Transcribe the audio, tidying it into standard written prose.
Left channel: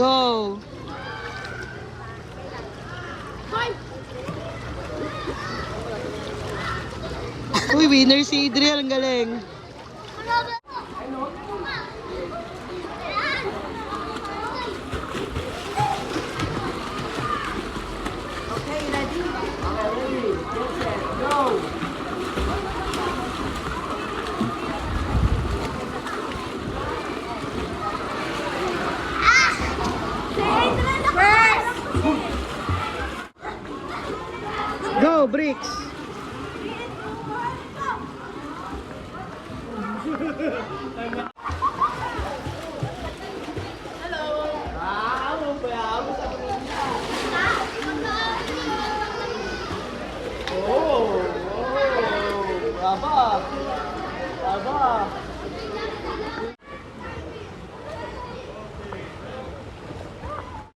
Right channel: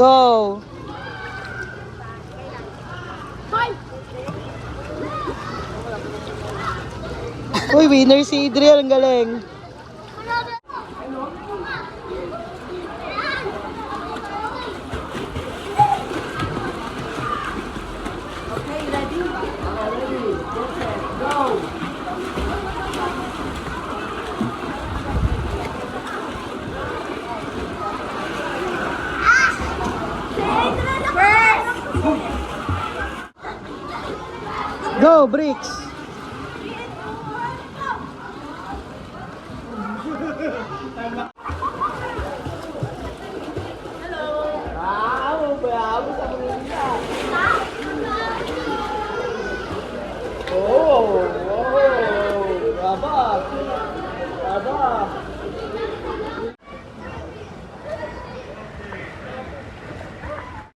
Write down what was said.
Go! Uy, winner si Adriel. Ang galing. Okay, ready? Okay, ready. Go! Go, Bricks! Wow, bravo sa mga. Oh, bravo. Bravo.